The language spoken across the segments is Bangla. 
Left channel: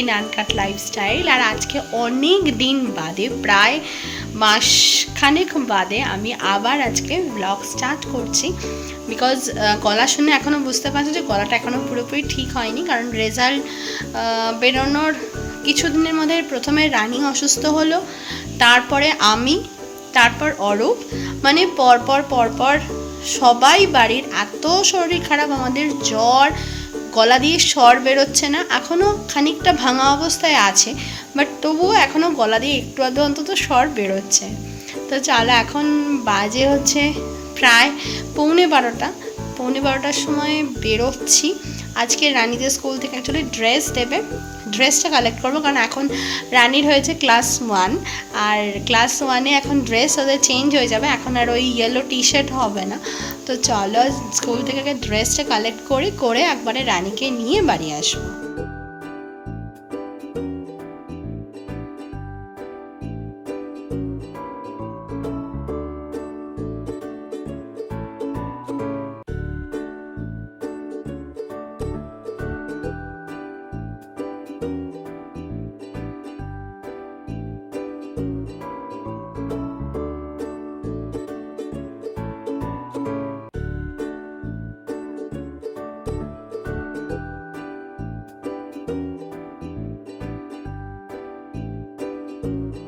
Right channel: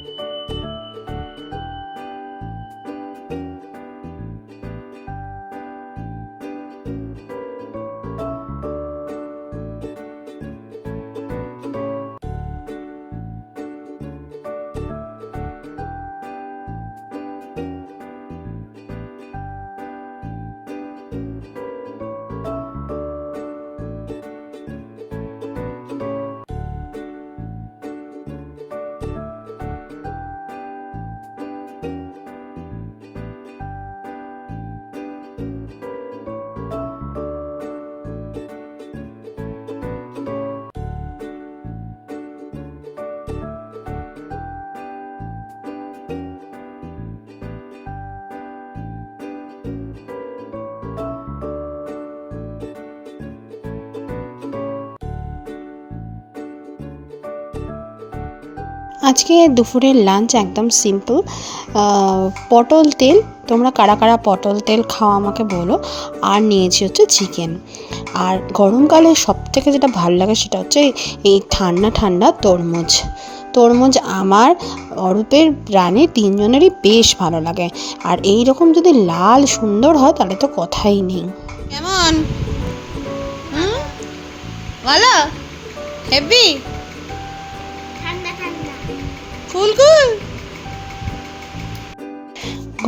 ইন আনকাট লাইফস্টাইল আর আজকে অনেক দিন বাদে, প্রায় মাসখানেক বাদে আমি আবার আজকে ব্লগ স্টার্ট করছি। বিকজ গলা শুনে এখনও বুঝতে পারছি যে গলাটা এখনও পুরোপুরি ঠিক হয়নি। কারণ রেজাল্ট বেরোনোর কিছুদিনের মধ্যে প্রথমে রানিং অসুস্থ হলো, তারপরে আমি, তারপর অরূপ। মানে পরপর পরপর সবাই বাড়ির এত শরীর খারাপ, আমাদের জ্বর গলা দিয়ে স্বর বেরোচ্ছে না এখনও খানিকটা ভাঙা অবস্থায় আছে বাট তবুও এখনও গলা দিয়ে একটু আধটু অন্তত স্বর বেরোচ্ছে। তো চলো এখন বাজে হচ্ছে প্রায় পৌনে বারোটা, পৌনে বারোটার সময় বেরোচ্ছি। আজকে রানীদের স্কুল থেকে অ্যাকচুয়ালি ড্রেস দেবে ড্রেসটা কালেক্ট করব, কারণ এখন রানীর হয়েছে ক্লাস ওয়ান আর ক্লাস ওয়ানে এখন ড্রেস ওদের চেঞ্জ হয়ে যাবে, এখন আর ওই ইয়েলো টি শার্ট হবে না। তো চলো স্কুল থেকে আগে ড্রেসটা কালেক্ট করি, করে একবারে রানীকে নিয়ে বাড়ি আসব। আজকে দুপুরের লাঞ্চ একদম সিম্পল পটল তেল, তোমরা কারা কারা পটল তেল খাওয়া আমাকে বলো, আর নিয়েছি হচ্ছে চিকেন আর গরমকালে সব থেকে যেটা ভালো লাগে সেটা হচ্ছে এই ঠান্ডা ঠান্ডা তরমুজ। তরমুজ আমার অরূপের প্রাণে তিনজনেরই বেশ ভালো লাগে। আর এই রকম যদি লাল সুন্দর হয় তাহলে তো কথাই নেই। কেমন ভালো হেভি কুল কুল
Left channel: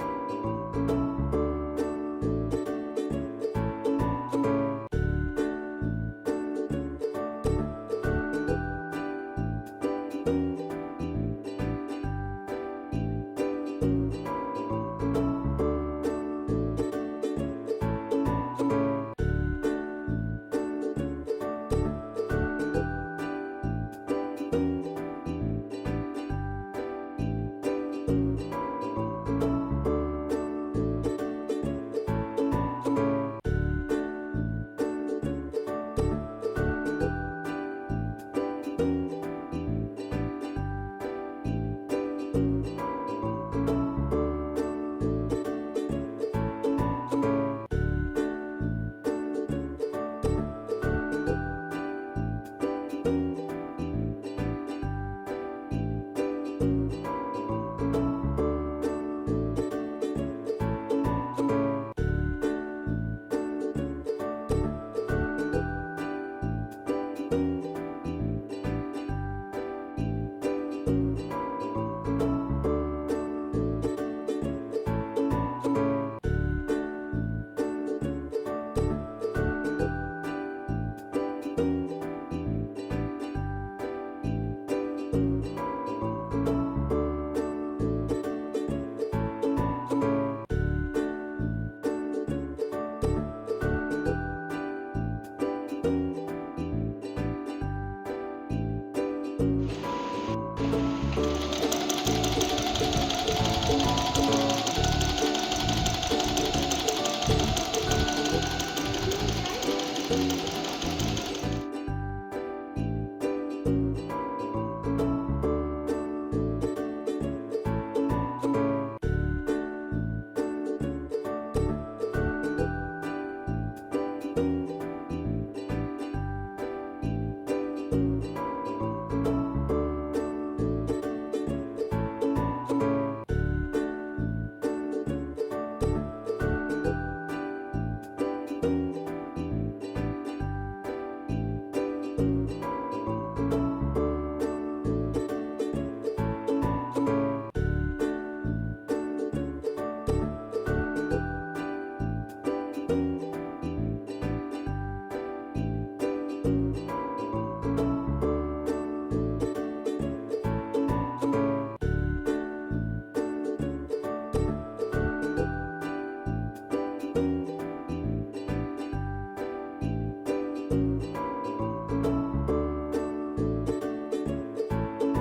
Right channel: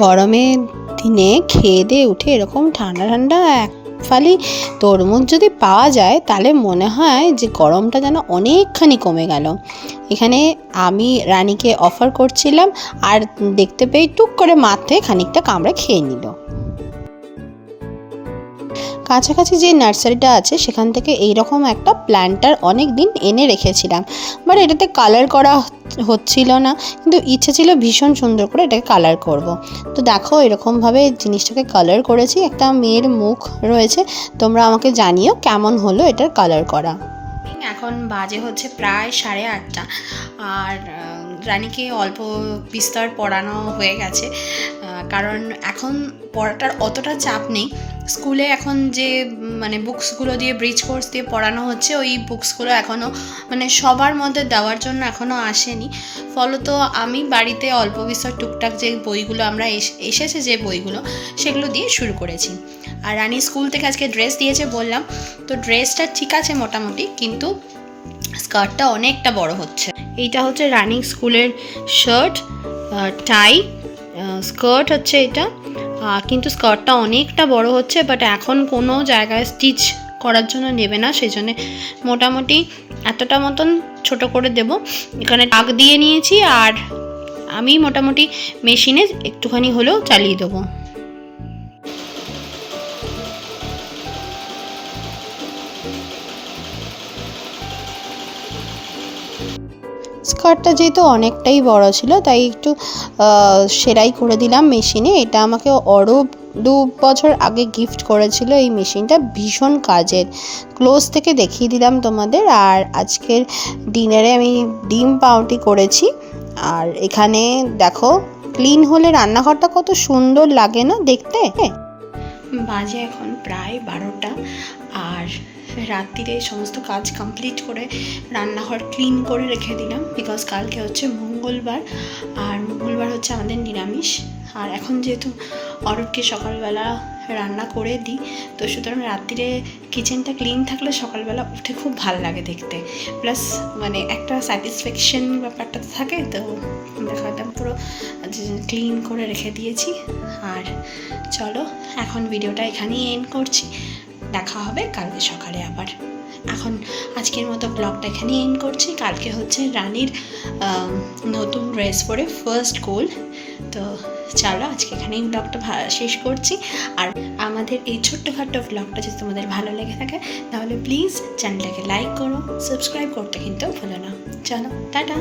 গরমের দিনে খেয়ে দিয়ে উঠে এরকম ঠান্ডা ঠান্ডা এক ফালি তরমুজ যদি পাওয়া যায় তাহলে মনে হয় যে গরমটা যেন অনেকখানি কমে গেল। এখানে আমি রানীকে অফার করছিলাম আর দেখতে পেয়ে টুক করে মাথে খানিকটা কামড়া খেয়ে নিল। কাছাকাছি যে নার্সারিটা আছে, সেখান থেকে এইরকম একটা প্ল্যান্টার অনেক দিন এনে রেখেছিলাম। বাট এটাতে কালার করা হচ্ছিল না, কিন্তু ইচ্ছে ছিল ভীষণ সুন্দর করে এটাকে কালার করব। তো দেখো, এরকমভাবে জিনিসটাকে কালার করেছি। একটা মেয়ের মুখ রয়েছে। তোমরা আমাকে জানিও কেমন হলো এটার কালার করা। এখন বাজে হচ্ছে প্রায় সাড়ে আটটা। আর রানীকে অল্প বিস্তর পড়ানো হয়ে গেছে। কারণ এখন পড়াটার অতটা চাপ নেই। স্কুলে এখন যে মানে বুকসগুলো দিয়ে ব্রিজ কোর্স দিয়ে পড়ানো হচ্ছে, ওই বুকসগুলো এখনও মানে সবার মধ্যে দেওয়ার জন্য এখনও আসেনি। ফলত আমি বাড়িতে অল্প বিস্তর টুকটাক যে বইগুলো, আমরা এস- এসেছে যে বইগুলো, সেগুলো দিয়ে শুরু করেছি। আর রানী স্কুল থেকে আজকে ড্রেস দিয়েছে বললাম। তো ড্রেসটা ঠিক আছে মোটামুটি, কিন্তু স্কার্টটা অনেকটা বড় হচ্ছে। এইটা হচ্ছে রানিং স্কুলের শার্ট টাই স্কার্ট হচ্ছে এটা। কিন্তু স্কার্টটা অনেকটা বড় হচ্ছে বাট এখন কোনো জায়গায় স্টিচ করার জন্য নেবে না সেই জন্যে মোটামুটি এতটা মতন ছোট করে দেব। এখানে টাক দিয়ে নিয়েছি আর আমি মোটামুটি মেশিনে একটুখানি হলেও চালিয়ে দেবো। স্কার্টটা যেহেতু অনেকটাই বড় ছিল, তাই একটু সেলাই করে দিলাম মেশিনে। এটা আমাকে অরূপ দু বছর আগে গিফট করেছিল এই মেশিনটা, ভীষণ কাজের। ক্লোজ থেকে দেখিয়ে দিলাম তোমাদের। আর আজকের ডিনারে আমি ডিম পাউটি করেছি। আর এখানে দেখো ক্লিন হলে রান্নাঘরটা কত সুন্দর লাগে না দেখতে? বাজে এখন প্রায় বারোটা। আর রাত্রিরে সমস্ত কাজ কমপ্লিট করে রান্নাঘর ক্লিন করে রেখে দিলাম বিকজ কালকে হচ্ছে মঙ্গলবার। আর মঙ্গলবার হচ্ছে আমাদের নিরামিষ। আর এখন যেহেতু অরূপকে সকালবেলা রান্না করে দিই, তো সুতরাং রাত্রিরে কিচেনটা ক্লিন থাকলে সকালবেলা উঠে খুব ভালো লাগে দেখতে। প্লাস মানে একটা স্যাটিসফ্যাকশন ব্যাপারটা থাকে, তো দেখো পুরো ক্লিন করে রেখে দিয়েছি। আর চলো এখন ভিডিওটা এখানেই এন্ড করছি। দেখা হবে কালকে সকালে আবার। এখন আজকের মতো ব্লগটা এখানেই এন্ড করছি। কালকে হচ্ছে রানীর নতুন ড্রেস পরে ফার্স্ট গোল তো চলো আজকে এখানেই ব্লগটা শেষ করছি। আর আমাদের এই ছোট্টখাট্ট ব্লগটা যদি তোমাদের ভালো লেগে থাকে, তাহলে প্লিজ চ্যানেলটাকে লাইক করো সাবস্ক্রাইব করতে কিন্তু ভুলো না। চলো, টাটা!